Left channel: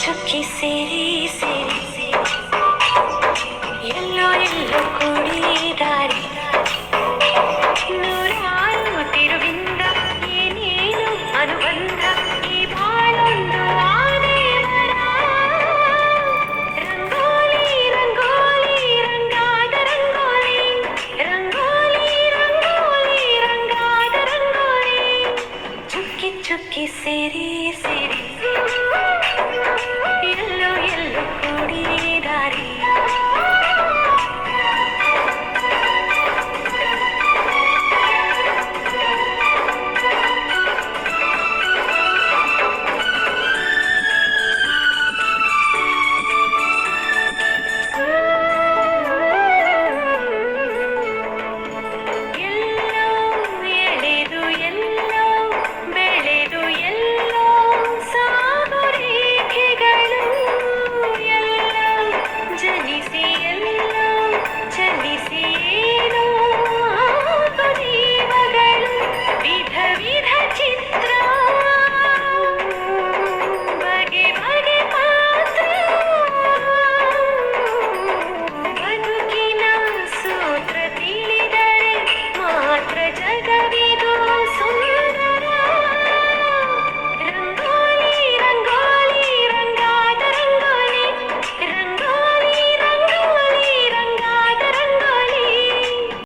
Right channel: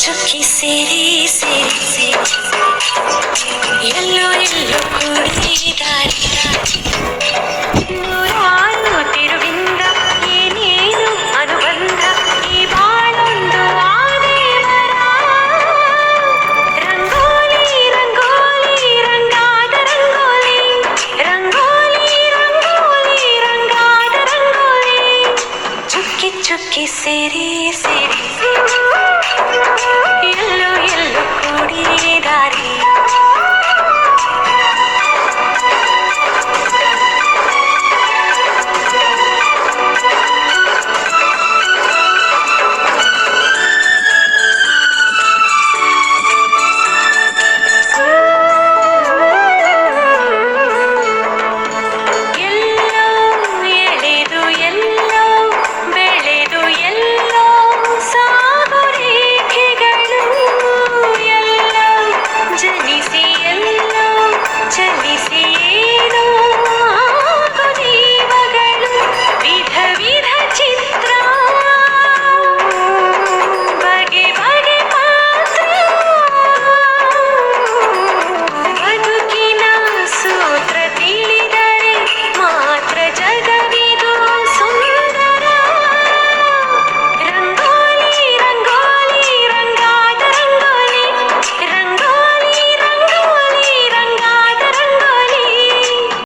ಚುಕ್ಕಿ ಸೇರಿ ಸೇರಿ ಸೇರಿ ಎಲ್ಲೋ ಎಲ್ಲೋ ಕೂಡಿದಾರೆ ನೂರಾರು ತಿರುವಿಂದ ಏನೇನು ಅನುಬಂಧ ಈ ಬಾಳೊಂದು ಆದೇವರ ರಂಗೋಲಿ ರಂಗೋಲಿ ರಂಗಾದ ರಂಗೋಲಿ ರಂಗೋಲಿ ರಂಗೋಲಿ ರಂಗಾದ ರಂಗೋಲಿ ಚುಕ್ಕಿ ಚುಕ್ಕಿ ಸೇರಿ ಸೇರಿ ಎಲ್ಲೋ ಎಲ್ಲೋ ಕೂಡಿದಾರೆ